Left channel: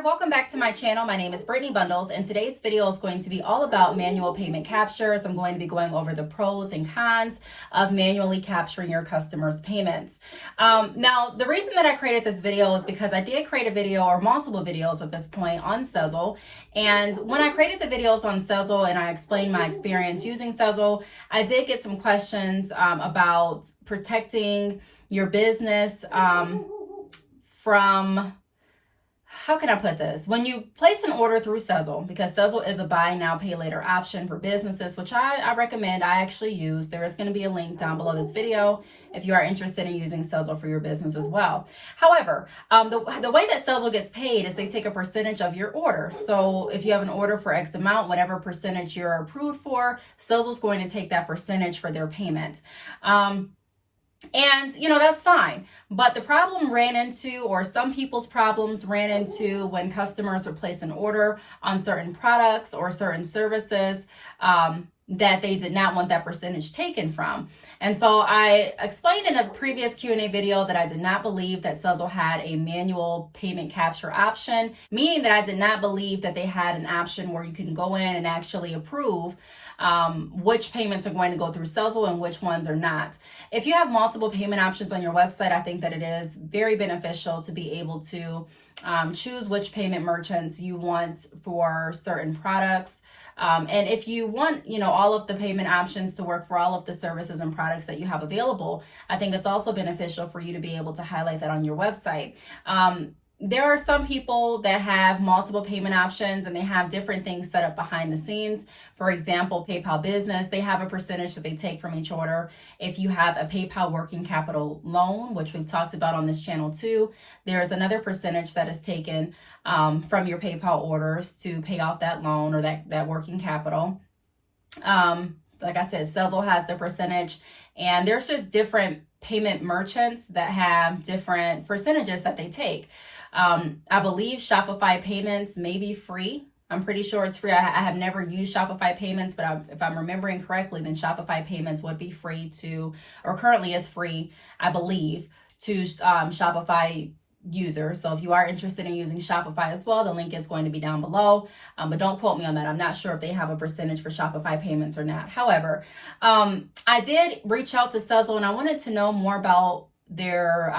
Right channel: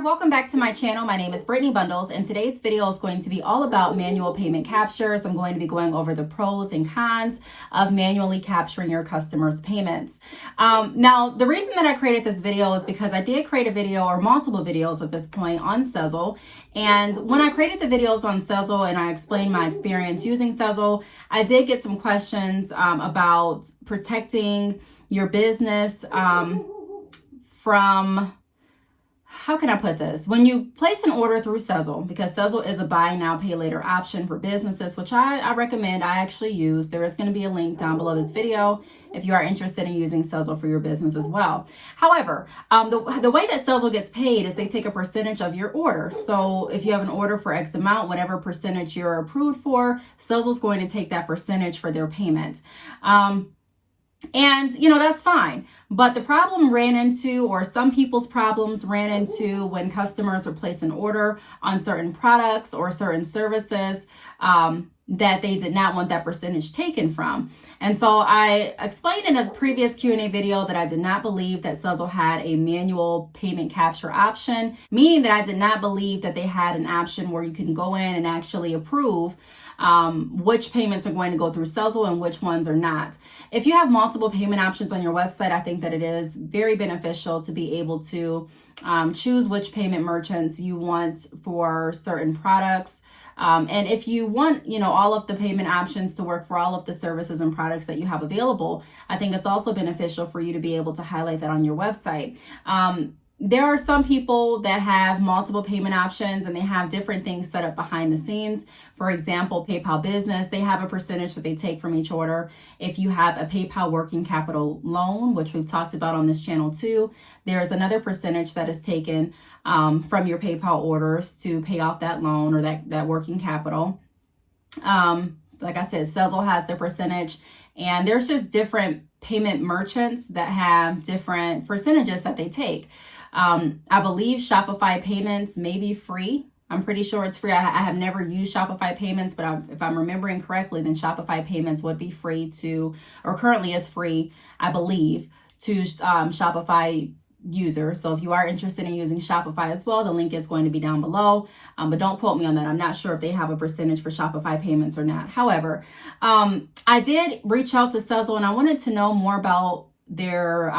there, welcome back to my channel. My name is Brittney Bundles, and today's video is going to be all about manual payment captures. I'm going to be going over the pros and cons of manually capturing your customers' payments. Now, the reason that I created this video is because I did create a video, or multiple videos at this point, on Sezzle. And when I created the videos on Sezzle and I explained my experience using Sezzle, I did get some questions about protecting your business from, how can I put this? When you place an order through Sezzle, because Sezzle is a buy now, pay later option for businesses, which I recommend, I actually use. There is going to be a link down below this video if you are interested in using Sezzle for your business as well. However, the way that Sezzle gets paid is they take a percentage of your order. So if you have an order for X amount, whatever percentage you're approved for, Sezzle's going to take that percentage for their payment. And, that's fine. But the problem ran into, or some people's problems ran into, when customers would place an order on certain products or certain services that they did not want that percentage taken from. And so I explained in a previous Q&A video that I did not believe that Sezzle had a manual payment capture option, meaning that I did not believe that they had an option where you can go in and actually approve which payments are going to go through Sezzle and which ones are not. If you have multiple payment options on your website, I think that it is very beneficial to be able to choose which payment merchants you want for certain products. And if you want, all of the payment options to work for all of the services and products that you have available, I think it's also beneficial for you to be able to highlight that on your website. There are some people that have multiple payment options and they have different things set up behind the scenes. For example, PayPal Business, they have a percentage that they take from each order. If you have a PayPal working capital loan, which we've talked about on this channel too, there is another percentage that is taken from your PayPal orders to pay off that loan or that working capital. Like I said, Sezzle has their percentage, and there's just different payment merchants that have different percentages that they take. I believe Shopify payments may be free. I'm pretty sure it's free. I have never used Shopify payments, but if I'm remembering correctly, then Shopify payments would be free to, or currently is free, I believe, to Shopify users. So if you are interested in using Shopify as well, the link is going to be down below. But don't quote me on that. I'm not sure if they have a percentage for Shopify payments or not. However, I did reach out to Sezzle and I wanted to know more about their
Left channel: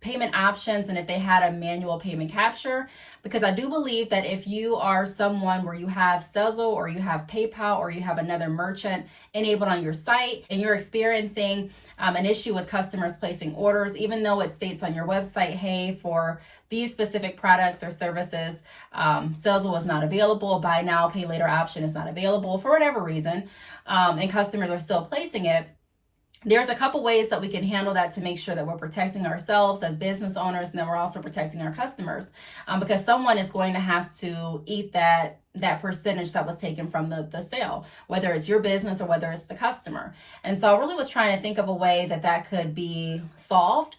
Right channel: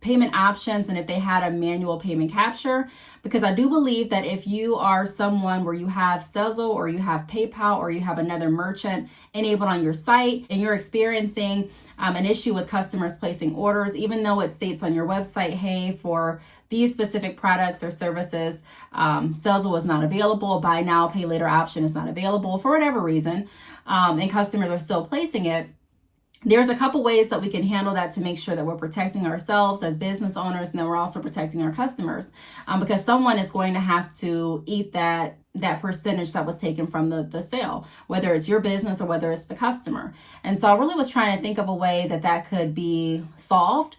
payment options and if they had a manual payment capture, because I do believe that if you are someone where you have Sezzle or you have PayPal or you have another merchant enabled on your site and you're experiencing an issue with customers placing orders, even though it states on your website, hey, for these specific products or services, Sezzle is not available, buy now, pay later option is not available for whatever reason, and customers are still placing it, there's a couple ways that we can handle that to make sure that we're protecting ourselves as business owners, and then we're also protecting our customers, because someone is going to have to eat that percentage that was taken from the sale, whether it's your business or whether it's the customer. And so I really was trying to think of a way that could be solved.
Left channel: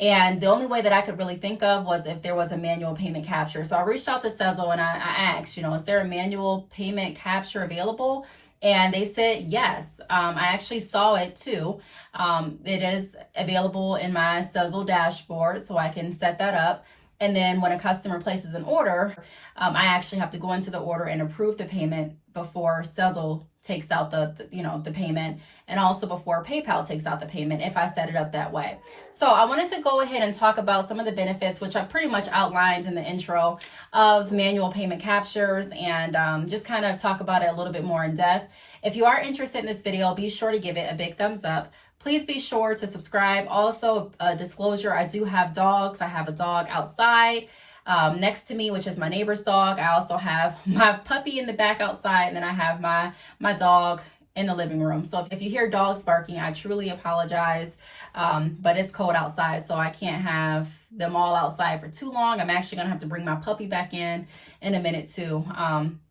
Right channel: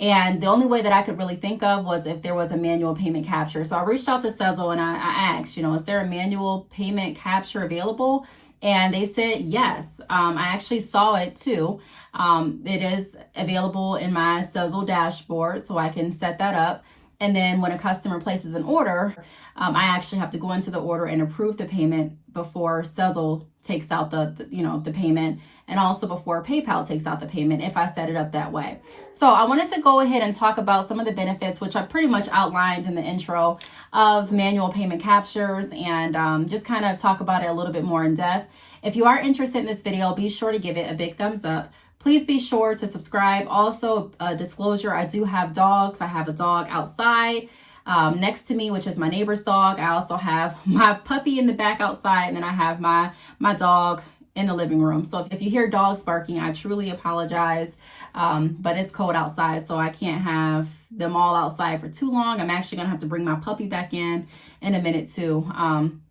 And the only way that I could really think of was if there was a manual payment capture. So I reached out to Sezzle and I asked, is there a manual payment capture available? And they said yes. I actually saw it too. It is available in my Sezzle dashboard, so I can set that up. And then when a customer places an order, I actually have to go into the order and approve the payment before Sezzle takes out the payment, and also before PayPal takes out the payment if I set it up that way. So I wanted to go ahead and talk about some of the benefits, which I pretty much outlined in the intro, of manual payment captures, and just kind of talk about it a little bit more in depth. If you are interested in this video, be sure to give it a big thumbs up. Please be sure to subscribe. Also, disclosure, I do have dogs. I have a dog outside next to me, which is my neighbor's dog. I also have my puppy in the back outside, and then I have my dog in the living room. So if you hear dogs barking, I truly apologize, but it's cold outside, so I can't have them all outside for too long. I'm actually gonna have to bring my puppy back in a minute too.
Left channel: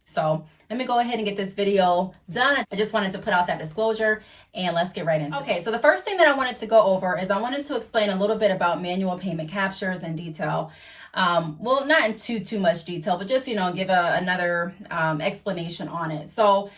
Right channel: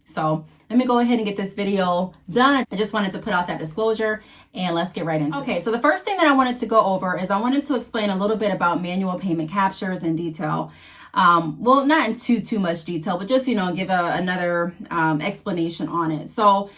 So let me go ahead and get this video done. I just wanted to put out that disclosure, and let's get right into it. Okay, so the first thing that I wanted to go over is I wanted to explain a little bit about manual payment captures in detail. Well, not in too much detail, but just, give another explanation on it. So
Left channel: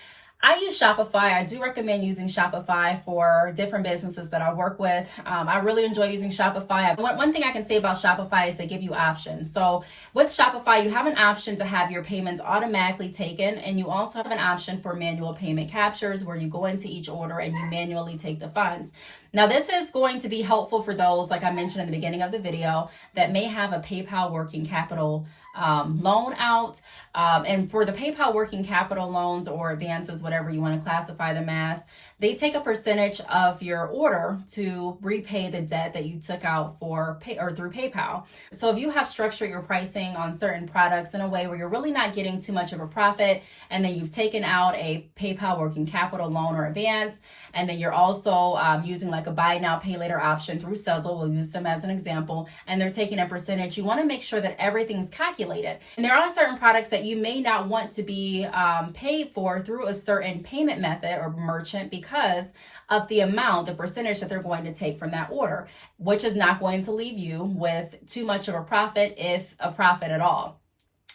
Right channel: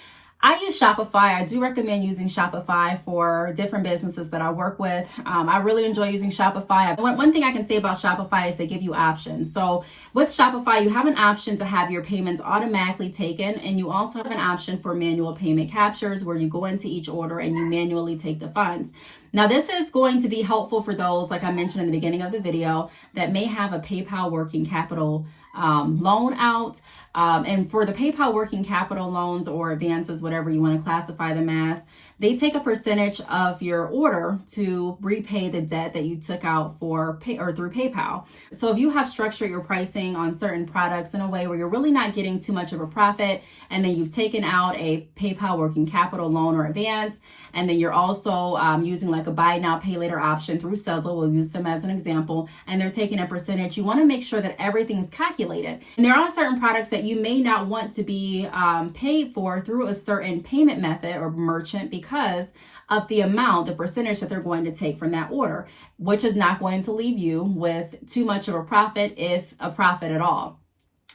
I use Shopify. I do recommend using Shopify for different businesses that I work with. I really enjoy using Shopify. One thing I can say about Shopify is they give you options. So with Shopify, you have an option to have your payments automatically taken, and you also have an option for manual payment captures where you go into each order and you manually take the funds. Now, this is going to be helpful for those, like I mentioned in the beginning of the video, that may have a PayPal working capital loan out. And for the PayPal working capital loans or advances, whatever you want to classify them as, they take a percentage of your order to repay the debt that you took out for through PayPal. So if you have structured your pricing on certain products in a way where you're really not getting too much of a profit, and then you've taken out a PayPal working capital loan or advance, and then you're also using like a buy now, pay later option through Sezzle, we'll use them as an example, and they're taking a percentage, you want to make sure that everything's calculated. And there are certain products that you may not want to be paid for through a certain payment method or merchant because of the amount, the percentage that they're going to take from that order, which is not going to leave you with too much of a profit, if a profit at all.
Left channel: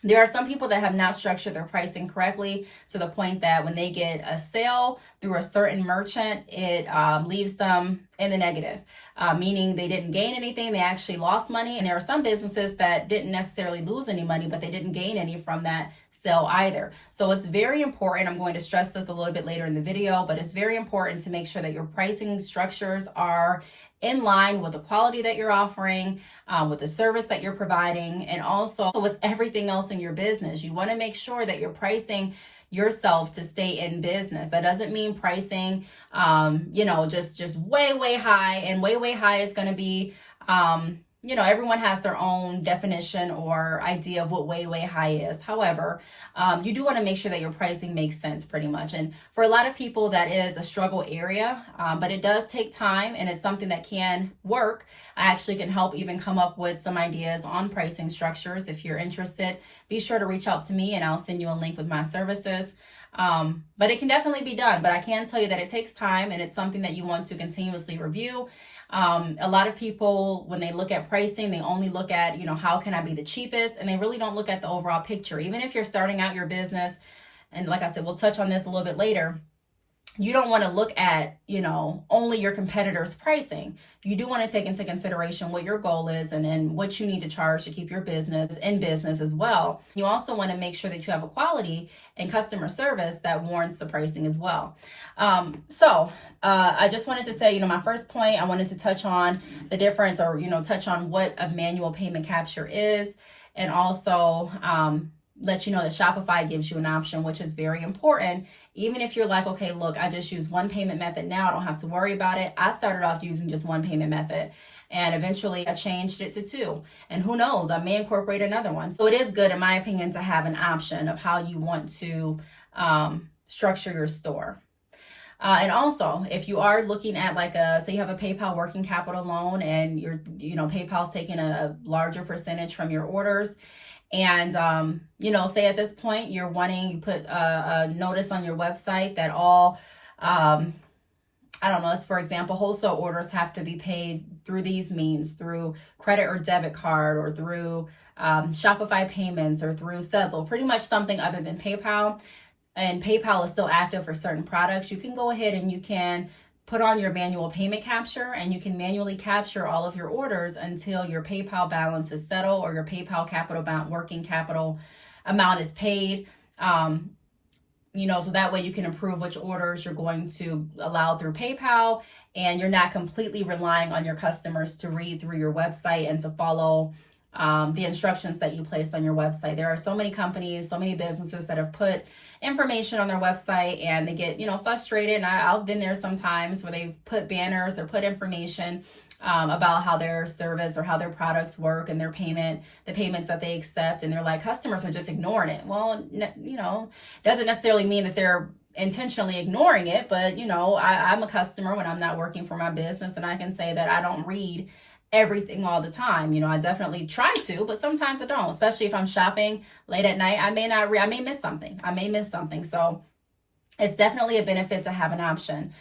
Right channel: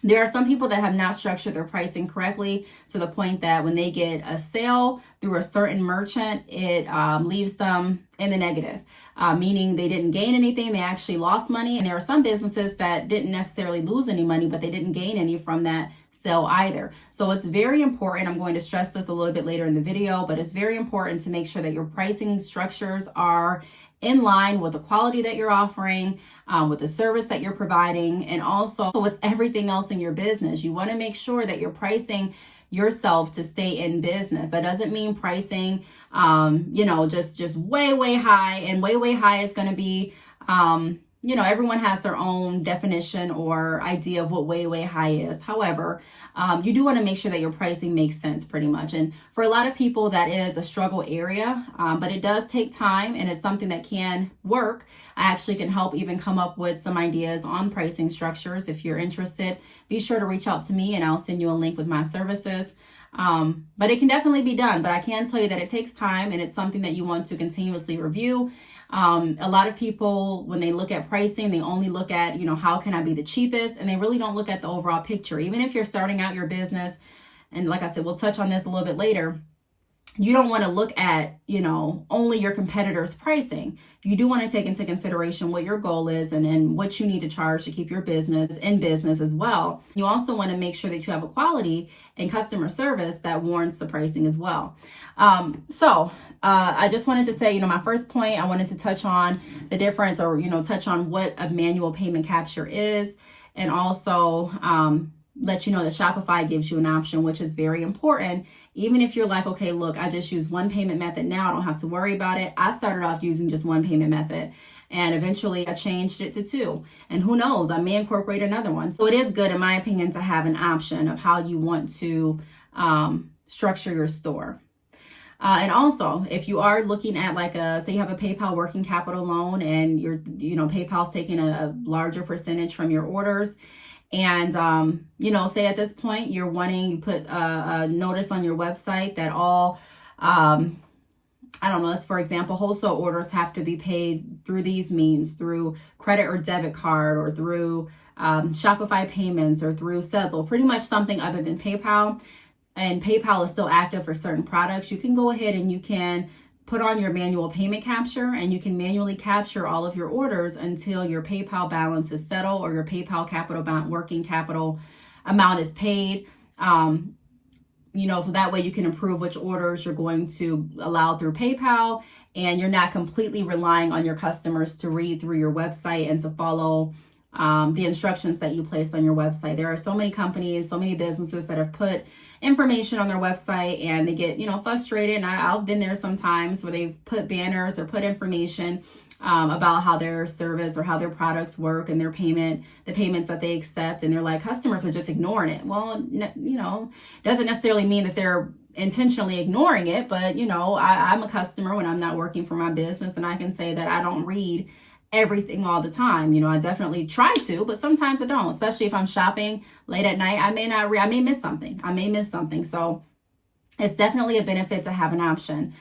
There are some people that have not structured their pricing correctly to the point that when they get a sale through a certain merchant, it leaves them in the negative, meaning they didn't gain anything, they actually lost money. And there are some businesses that didn't necessarily lose any money, but they didn't gain any from that sale either. So it's very important, I'm going to stress this a little bit later in the video, but it's very important to make sure that your pricing structures are in line with the quality that you're offering, with the service that you're providing, and also with everything else in your business. You want to make sure that you're pricing yourself to stay in business. That doesn't mean pricing, just way high, and way high is going to be, everyone has their own definition or idea of what way high is. However, you do want to make sure that your pricing makes sense pretty much. And for a lot of people, that is a struggle area, but it does take time, and it's something that can work. I actually can help even come up with some ideas on pricing structures. If you're interested, be sure to reach out to me and I'll send you a link with my services. But it can definitely be done, but I can tell you that it takes time, and it's something that you want to continuously review. A lot of people, when they look at pricing, they only look at, how can I be the cheapest? And they really don't look at the overall picture. Even if you're starting out your business, and like I said, we'll touch on this a little bit later, you don't want to look at, only your competitors' pricing. You do want to take into consideration what your goal is and what you need to charge to keep your business in business as well. You also want to make sure that you have a quality and customer service that warrants the pricing as well. I just wanted to say, my first point, I wanted to touch on the difference, or, touch on what a manual payment capture is, and also let you know that Shopify gives you an option, which is very important. Even if you're like, okay, look, I just use one payment method now, I don't have to worry about it. I started off using just one payment method, and eventually I changed it to two. And who knows, I may incorporate another one. So it is good, in my opinion, to have an option of how you want to structure your store. And also, if you are looking at say you have a PayPal working capital loan, and PayPal's taking a larger percentage from your orders, and, say at this point you put a notice on your website that all, let's, for example, wholesale orders have to be paid through these means, through credit or debit card, or through Shopify payments, or through Sezzle, pretty much something other than PayPal. And PayPal is still active for certain products. You can go ahead and you can put on your manual payment capture, and you can manually capture all of your orders until your PayPal balance is settled, or your PayPal working capital amount is paid. So that way you can approve which orders you're going to allow through PayPal, and you're not completely relying on your customers to read through your website and to follow the instructions that you placed on your website. There are so many companies, so many businesses that have put information on their website, and they get, frustrated. And I've been there sometimes where they've put banners or put information about how their service or how their products work and the payments that they accept. And they're like, customers are just ignoring it. Well, doesn't necessarily mean that they're intentionally ignoring it, but I'm a customer when I'm not working for my business, and I can say that I don't read everything all the time. I definitely try to, but sometimes I don't, especially if I'm shopping late at night. I may miss something. So it's definitely a benefit to have an option.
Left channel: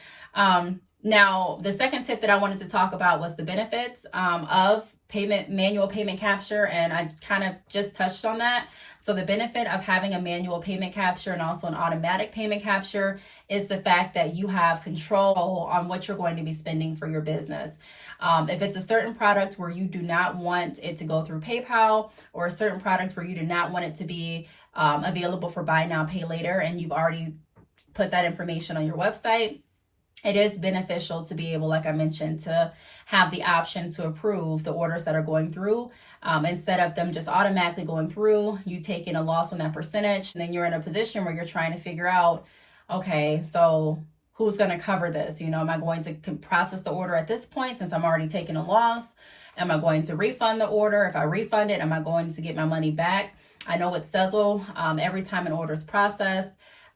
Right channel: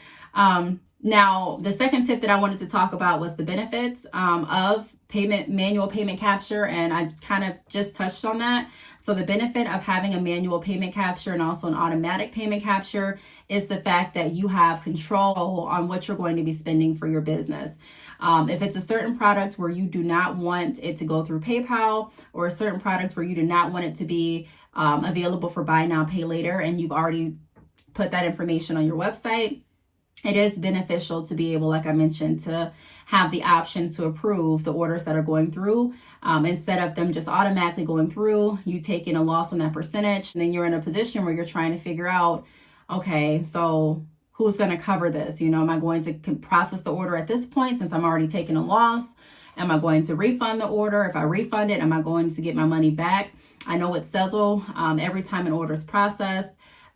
Now, the second tip that I wanted to talk about was the benefits of manual payment capture, and I kind of just touched on that. So the benefit of having a manual payment capture and also an automatic payment capture is the fact that you have control on what you're going to be spending for your business. If it's a certain product where you do not want it to go through PayPal, or a certain product where you do not want it to be available for buy now, pay later, and you've already put that information on your website, it is beneficial to be able, like I mentioned, to have the option to approve the orders that are going through. Instead of them just automatically going through, you taking a loss on that percentage, and then you're in a position where you're trying to figure out, okay, so who's going to cover this? You know, am I going to process the order at this point since I'm already taking a loss? Am I going to refund the order? If I refund it, am I going to get my money back? I know with Sezzle, every time an order is processed,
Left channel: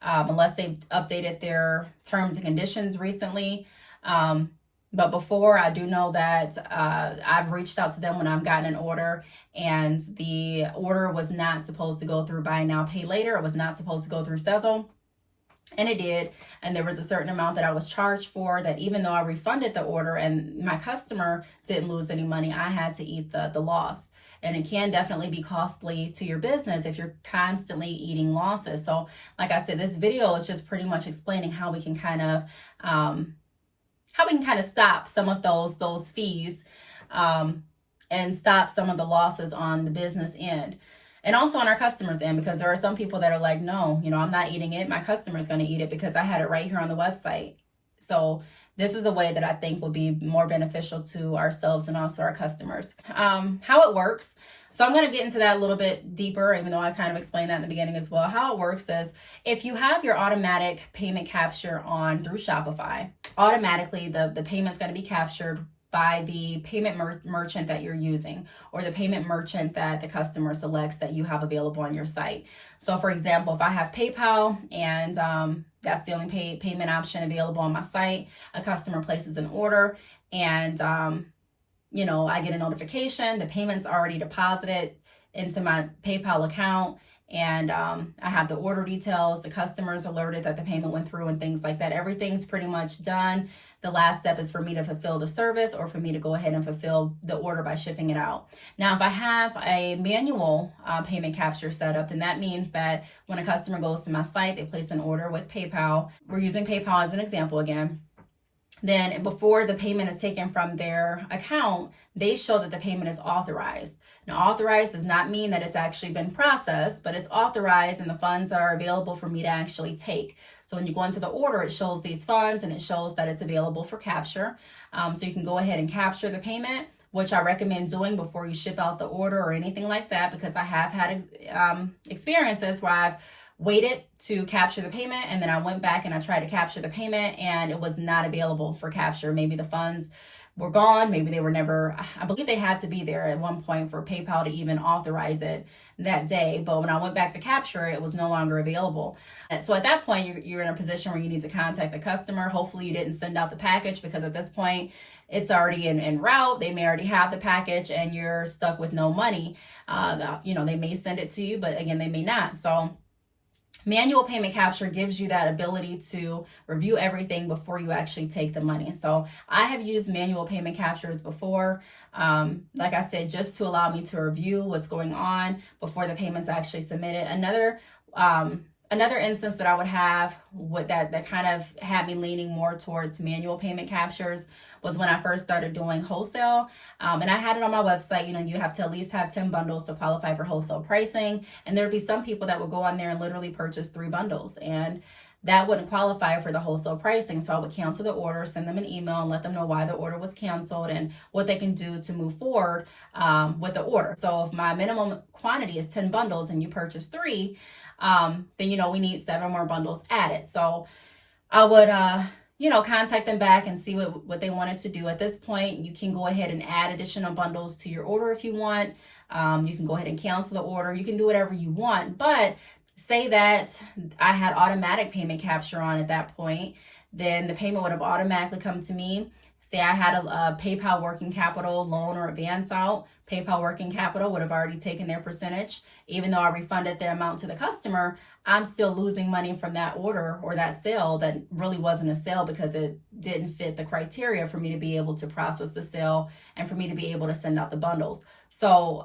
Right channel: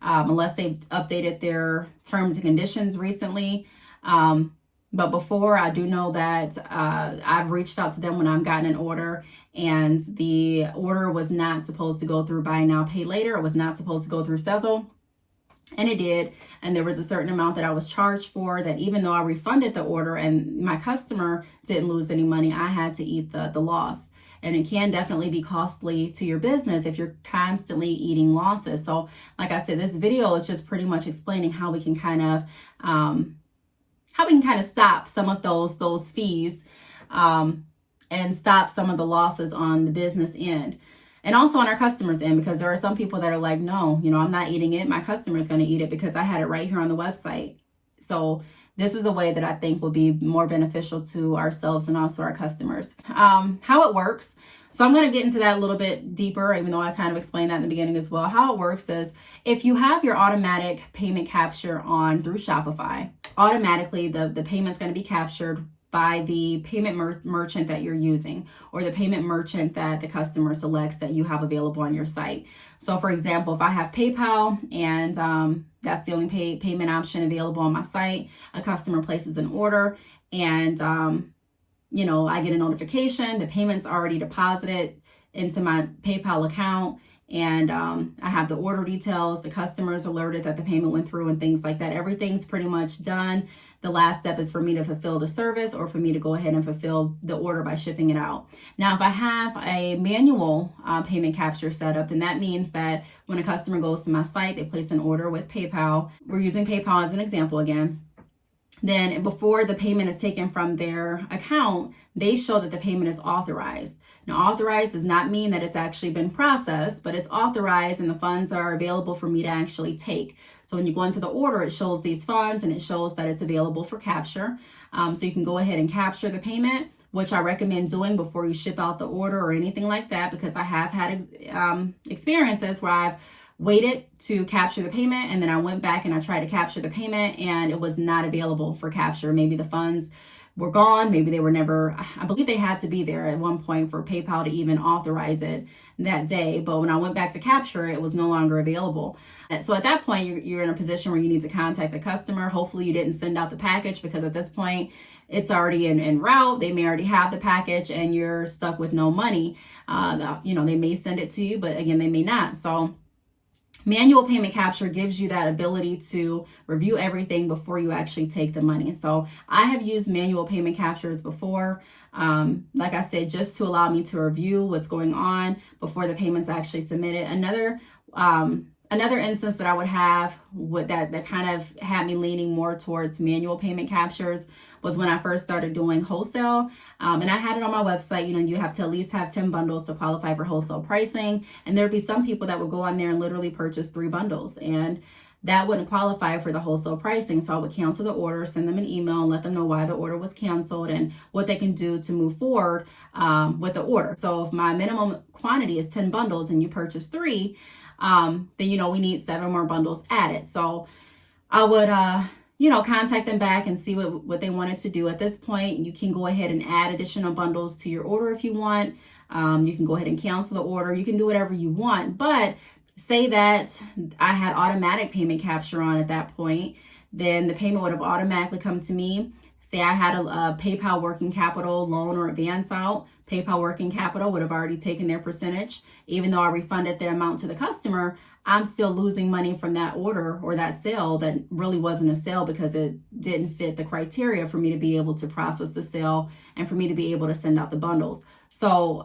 unless they've updated their terms and conditions recently. But before, I do know that I've reached out to them when I've gotten an order and the order was not supposed to go through buy now, pay later. It was not supposed to go through Sezzle. And it did. And there was a certain amount that I was charged for that, even though I refunded the order and my customer didn't lose any money, I had to eat the loss. And it can definitely be costly to your business if you're constantly eating losses. So like I said, this video is just pretty much explaining how we can kind of stop some of those fees and stop some of the losses on the business end. And also on our customers' end, because there are some people that are like, no, you know, I'm not eating it. My customer's going to eat it because I had it right here on the website. So this is a way that I think will be more beneficial to ourselves and also our customers. How it works. So I'm going to get into that a little bit deeper, even though I kind of explained that in the beginning as well. How it works is if you have your automatic payment capture on through Shopify, automatically the payment's going to be captured by the payment merchant that you're using, or the payment merchant that the customer selects that you have available on your site. So for example, if I have PayPal and that's the only payment option available on my site, a customer places an order and you know, I get a notification, the payment's already deposited into my PayPal account, and I have the order details, the customer's alerted that the payment went through and things like that. Everything's pretty much done. The last step is for me to fulfill the service or for me to go ahead and fulfill the order by shipping it out. Now, if I have a manual payment capture set up, then that means that when a customer goes to my site, they place an order with PayPal. We're using PayPal as an example again. Then before the payment is taken from their account, they show that the payment is authorized. Now, authorized does not mean that it's actually been processed, but it's authorized and the funds are available for me to actually take. So when you go into the order, it shows these funds and it shows that it's available for capture. So you can go ahead and capture the payment, which I recommend doing before you ship out the order or anything like that, because I have had experiences where I've waited to capture the payment and then I went back and I tried to capture the payment and it was not available for capture. Maybe the funds were gone. Maybe they were never, I believe they had to be there at one point for PayPal to even authorize it that day. But when I went back to capture, it was no longer available. So at that point, you're in a position where you need to contact the customer. Hopefully you didn't send out the package, because at this point it's already en route. They may already have the package and you're stuck with no money. You know, they may send it to you, but again, they may not. So manual payment capture gives you that ability to review everything before you actually take the money. So I have used manual payment captures before, like I said, just to allow me to review what's going on before the payment's actually submitted. Another instance that I would have that kind of had me leaning more towards manual payment captures was when I first started doing wholesale. And I had it on my website, you know, you have to at least have 10 bundles to qualify for wholesale pricing. And there'd be some people that would go on there and literally purchase 3 bundles, and that wouldn't qualify for the wholesale pricing. So I would cancel the order, send them an email and let them know why the order was canceled and what they can do to move forward with the order. So if my minimum quantity is 10 bundles and you purchase 3, then, you know, we need 7 more bundles added. So I would, you know, contact them back and see what they wanted to do. At this point, you can go ahead and add additional bundles to your order if you want. You can go ahead and cancel the order. You can do whatever you want. But say that I had automatic payment capture on at that point, then the payment would have automatically come to me. say I had a PayPal working capital loan or advance out, PayPal working capital would have already taken their percentage. Even though I refunded the amount to the customer, I'm still losing money from that order or that sale that really wasn't a sale because it didn't fit the criteria for me to be able to process the sale and for me to be able to send out the bundles. So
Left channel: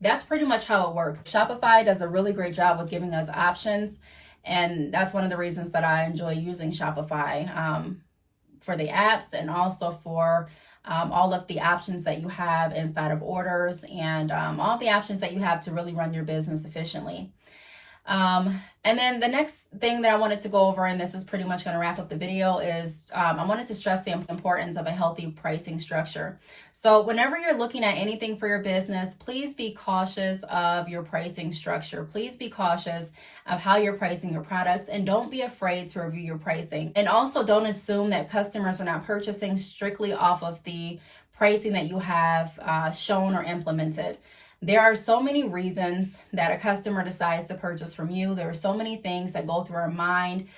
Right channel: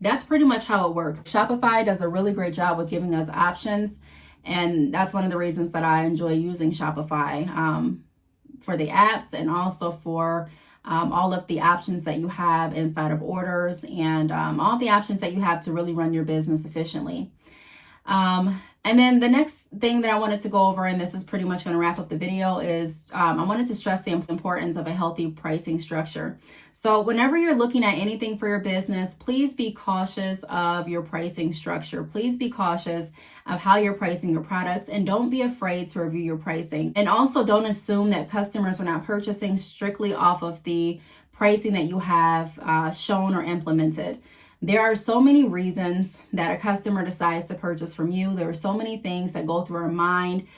that's pretty much how it works. Shopify does a really great job with giving us options. And that's one of the reasons that I enjoy using Shopify for the apps and also for all of the options that you have inside of orders and all the options that you have to really run your business efficiently. And then the next thing that I wanted to go over, and this is pretty much going to wrap up the video, is I wanted to stress the importance of a healthy pricing structure. So whenever you're looking at anything for your business, please be cautious of your pricing structure. Please be cautious of how you're pricing your products, and don't be afraid to review your pricing. And also don't assume that customers are not purchasing strictly off of the pricing that you have shown or implemented. There are so many reasons that a customer decides to purchase from you. There are so many things that go through our mind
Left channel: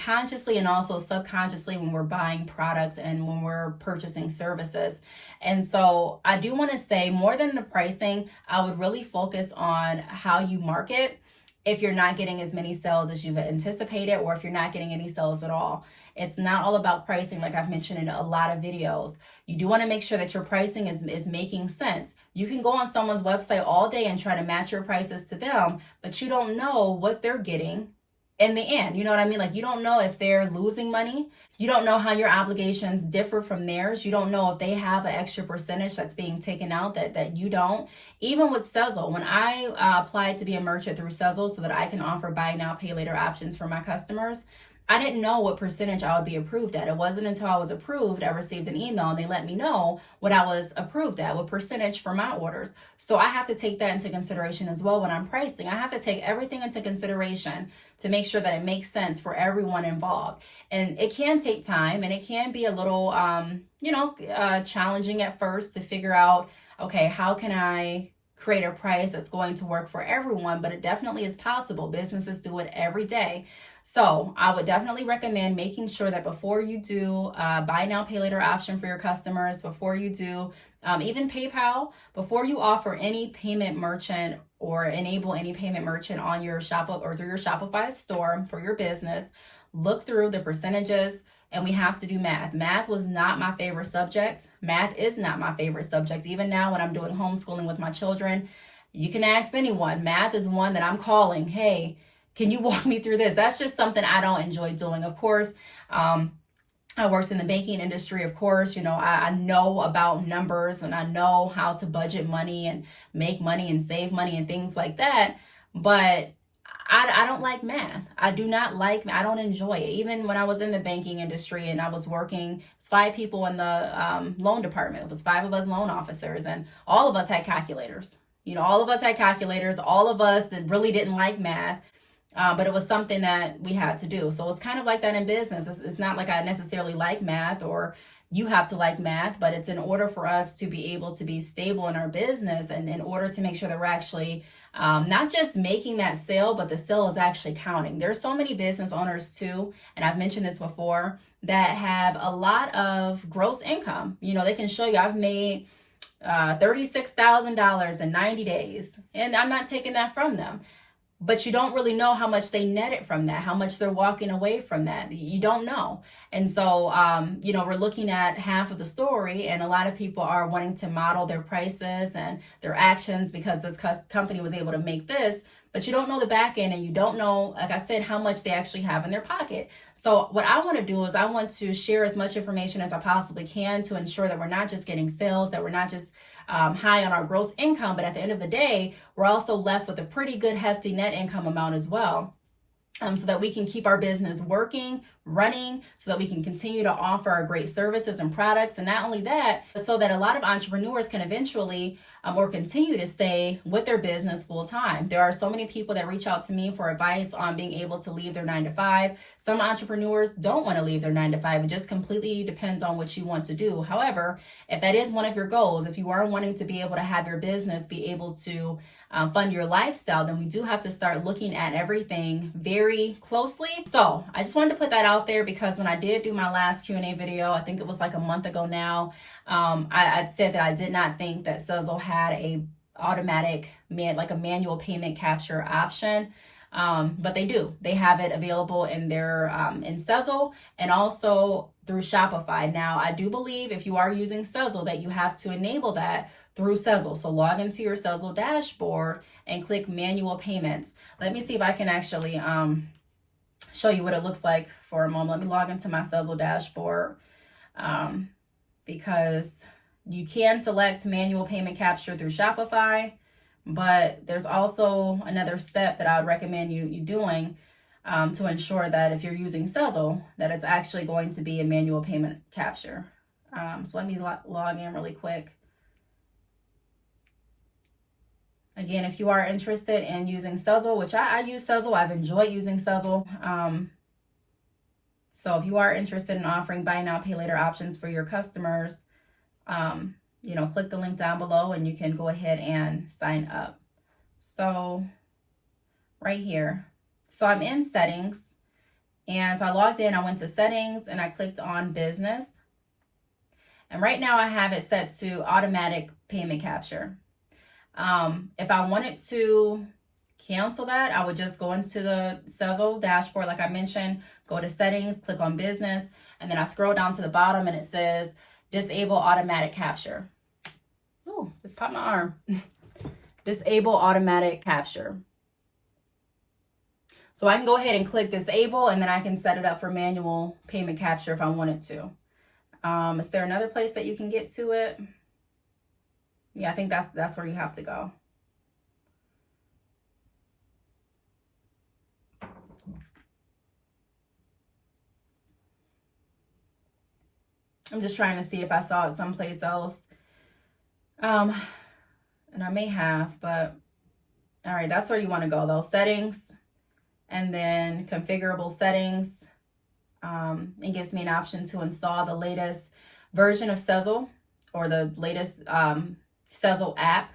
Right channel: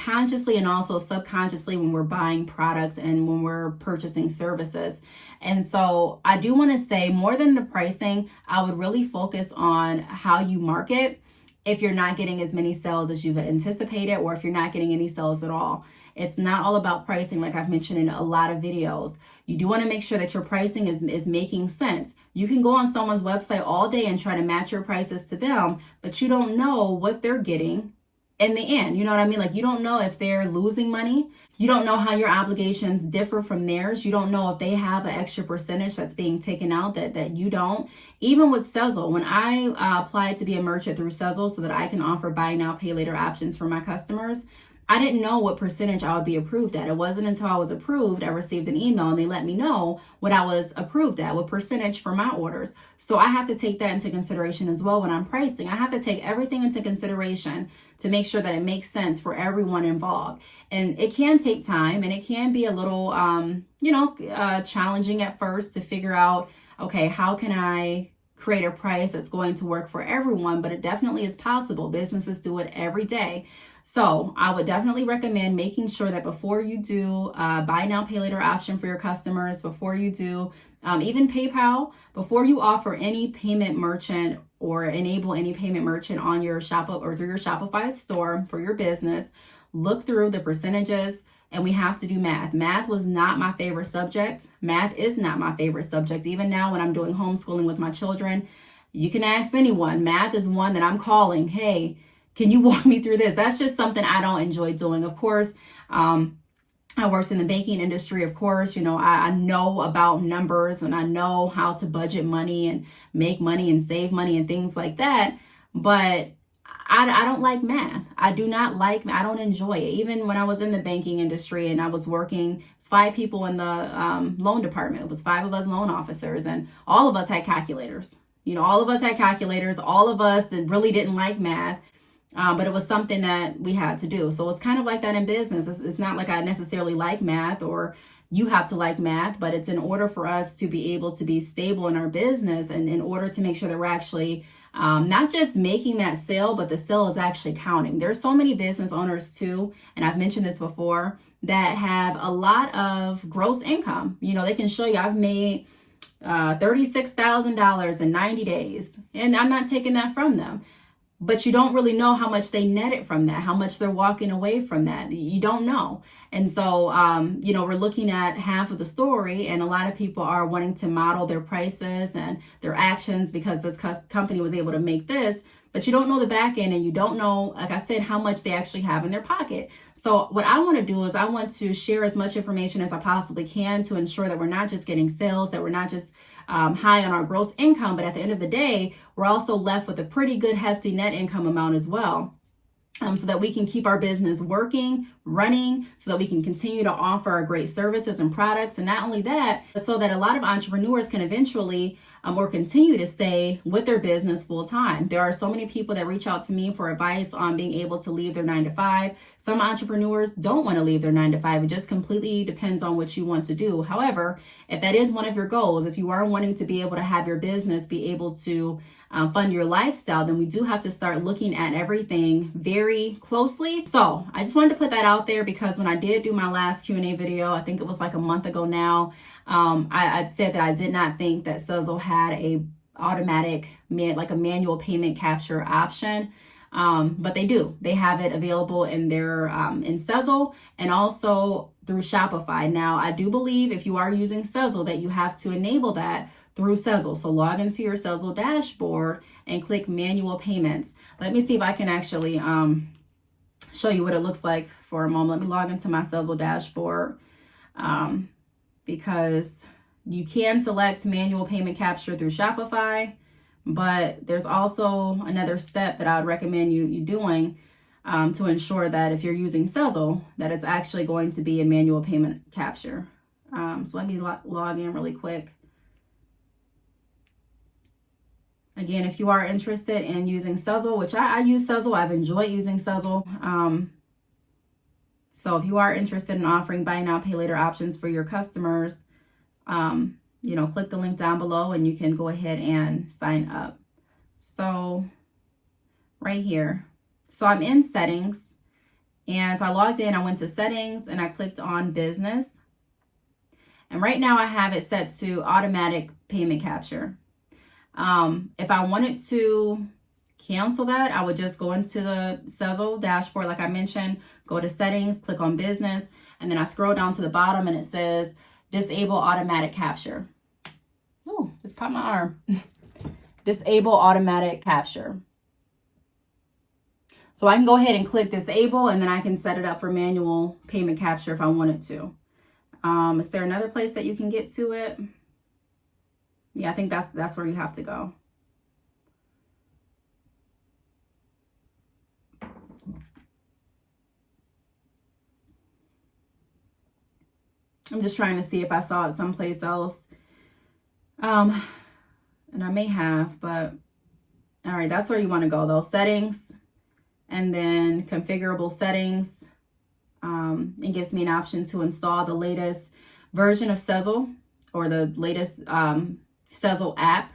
consciously and also subconsciously when we're buying products and when we're purchasing services. And so I do want to say, more than the pricing, I would really focus on how you market if you're not getting as many sales as you've anticipated, or if you're not getting any sales at all. It's not all about pricing, like I've mentioned in a lot of videos. You do want to make sure that your pricing is making sense. You can go on someone's website all day and try to match your prices to them, but you don't know what they're getting in the end. You know what I mean? Like, you don't know if they're losing money. You don't know how your obligations differ from theirs. You don't know if they have an extra percentage that's being taken out that you don't. Even with Sezzle, when I applied to be a merchant through Sezzle so that I can offer buy now, pay later options for my customers, I didn't know what percentage I would be approved at. It wasn't until I was approved, I received an email and they let me know what I was approved at, what percentage for my orders. So I have to take that into consideration as well when I'm pricing. I have to take everything into consideration to make sure that it makes sense for everyone involved. And it can take time, and it can be a little, challenging at first to figure out, okay, how can I create a price that's going to work for everyone? But it definitely is possible. Businesses do it every day. So I would definitely recommend making sure that before you do buy now, pay later option for your customers, before you do even PayPal, before you offer any payment merchant or enable any payment merchant on your shop or through your Shopify store for your business, look through the percentages. And we have to do math. Math was not my favorite subject. Math is not my favorite subject. Even now when I'm doing homeschooling with my children, you can ask anyone. Math is one that I'm calling, hey, can you walk me through this? That's just something I don't enjoy doing. Of course, I worked in the banking industry. Of course, I know about numbers and I know how to budget money and make money and save money and things like that. But I don't like math. I do not like math. I don't enjoy it. Even when I was in the banking industry and I was working, it's 5 people in the loan department. It was 5 of us loan officers, and all of us had calculators. All of us had calculators. All of us that really didn't like math. But it was something that we had to do. So it's kind of like that in business. It's not like I necessarily like math or you have to like math, but it's in order for us to be able to be stable in our business and in order to make sure that we're actually not just making that sale, but the sale is actually counting. There's so many business owners too, and I've mentioned this before, that have a lot of gross income. They can show you, I've made $36,000 in 90 days, and I'm not taking that from them. But you don't really know how much they netted from that, how much they're walking away from that. You don't know. And so, we're looking at half of the story, and a lot of people are wanting to model their prices and their actions because this company was able to make this, but you don't know the back end, and you don't know, like I said, how much they actually have in their pocket. So what I want to do is I want to share as much information as I possibly can to ensure that we're not just getting sales, that we're not just high on our gross income, but at the end of the day, we're also left with a pretty good hefty net income amount as well. So that we can keep our business working, running, so that we can continue to offer our great services and products. And not only that, but so that a lot of entrepreneurs can eventually or continue to stay with their business full time. There are so many people that reach out to me for advice on being able to leave their 9-to-5. Some entrepreneurs don't want to leave their 9-to-5. It just completely depends on what you want to do. However, if that is one of your goals, if you are wanting to be able to have your business be able to fund your lifestyle, then we do have to start looking at everything very closely. So I just wanted to put that out out there because when I did do my last Q&A video, I think it was like a month ago now, I said that I did not think that Sezzle had a automatic, like a manual payment capture option. But they do. They have it available in their in Sezzle and also through Shopify. Now, I do believe if you are using Sezzle that you have to enable that through Sezzle. So log into your Sezzle dashboard and click manual payments. Let me see if I can actually show you what it looks like for a moment. Let me log into my Sezzle dashboard because you can select manual payment capture through Shopify. But there's also another step that I would recommend you doing to ensure that if you're using Sezzle, that it's actually going to be a manual payment capture. So let me log in really quick. Again, if you are interested in using Sezzle, which I use Sezzle, I've enjoyed using Sezzle. So if you are interested in offering buy now, pay later options for your customers, you know, click the link down below and you can go ahead and sign up. So right here, so I'm in settings, and so I logged in, I went to settings and I clicked on business. And right now I have it set to automatic payment capture. If I wanted to cancel that, I would just go into the Sezzle dashboard, like I mentioned, go to settings, click on business, and then I scroll down to the bottom and it says disable automatic capture. Oh, just popped my arm. Disable automatic capture. So I can go ahead and click disable, and then I can set it up for manual payment capture if I wanted to. Is there another place that you can get to it? Yeah, I think that's where you have to go. I'm just trying to see if I saw it someplace else. And I may have, but all right, that's where you want to go though. Settings, and then configurable settings. It gives me an option to install the latest version of Sezzle or the latest Sezzle app.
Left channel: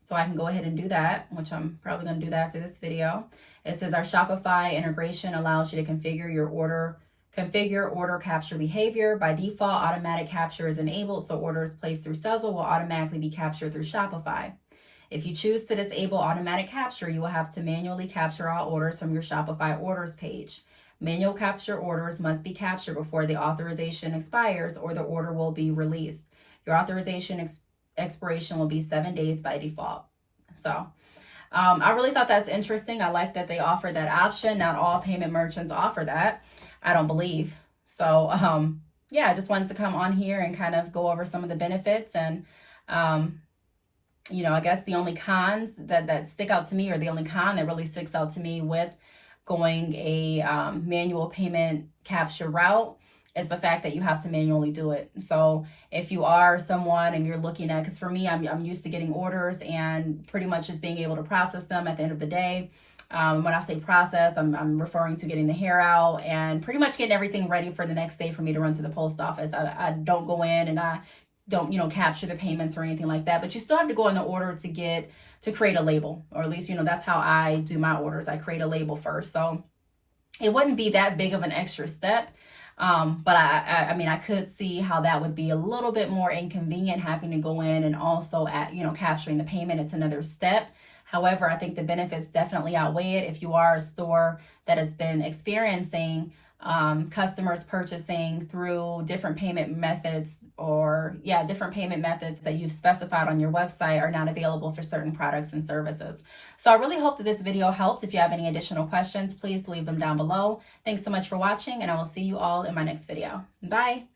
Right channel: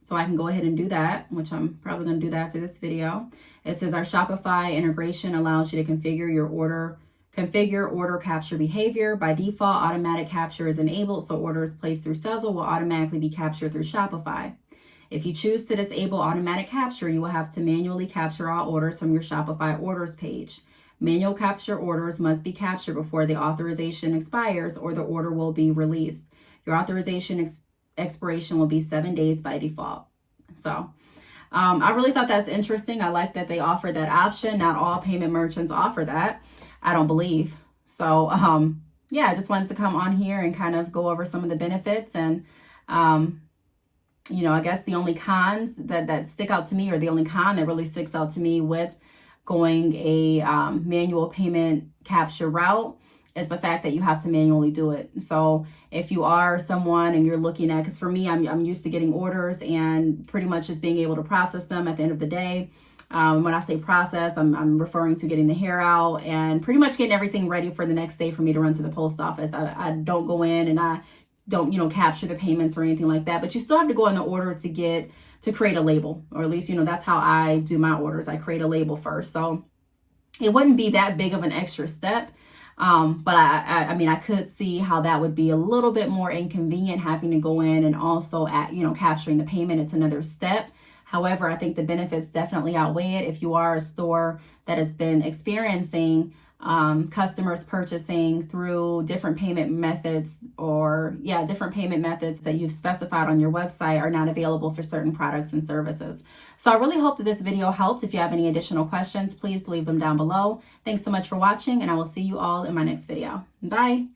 So I can go ahead and do that, which I'm probably going to do that after this video. It says our Shopify integration allows you to configure order capture behavior. By default, automatic capture is enabled, so orders placed through Sezzle will automatically be captured through Shopify. If you choose to disable automatic capture, you will have to manually capture all orders from your Shopify orders page. Manual capture orders must be captured before the authorization expires or the order will be released. Your authorization expiration will be 7 days by default. So I really thought that's interesting. I like that they offer that option. Not all payment merchants offer that, I don't believe. So yeah, I just wanted to come on here and kind of go over some of the benefits. And you know, I guess the only cons that stick out to me, or the only con that really sticks out to me with going a manual payment capture route, is the fact that you have to manually do it. So if you are someone and you're looking at, because for me, I'm used to getting orders and pretty much just being able to process them at the end of the day. When I say process, I'm referring to getting the hair out and pretty much getting everything ready for the next day for me to run to the post office. I don't go in and I don't, you know, capture the payments or anything like that, but you still have to go in the order to create a label, or at least, you know, that's how I do my orders. I create a label first. So it wouldn't be that big of an extra step. But I mean, I could see how that would be a little bit more inconvenient, having to go in and also capturing the payment. It's another step. However, I think the benefits definitely outweigh it. If you are a store that has been experiencing customers purchasing through different payment methods, different payment methods that you've specified on your website are not available for certain products and services. So I really hope that this video helped. If you have any additional questions, please leave them down below. Thanks so much for watching, and I will see you all in my next video. Bye.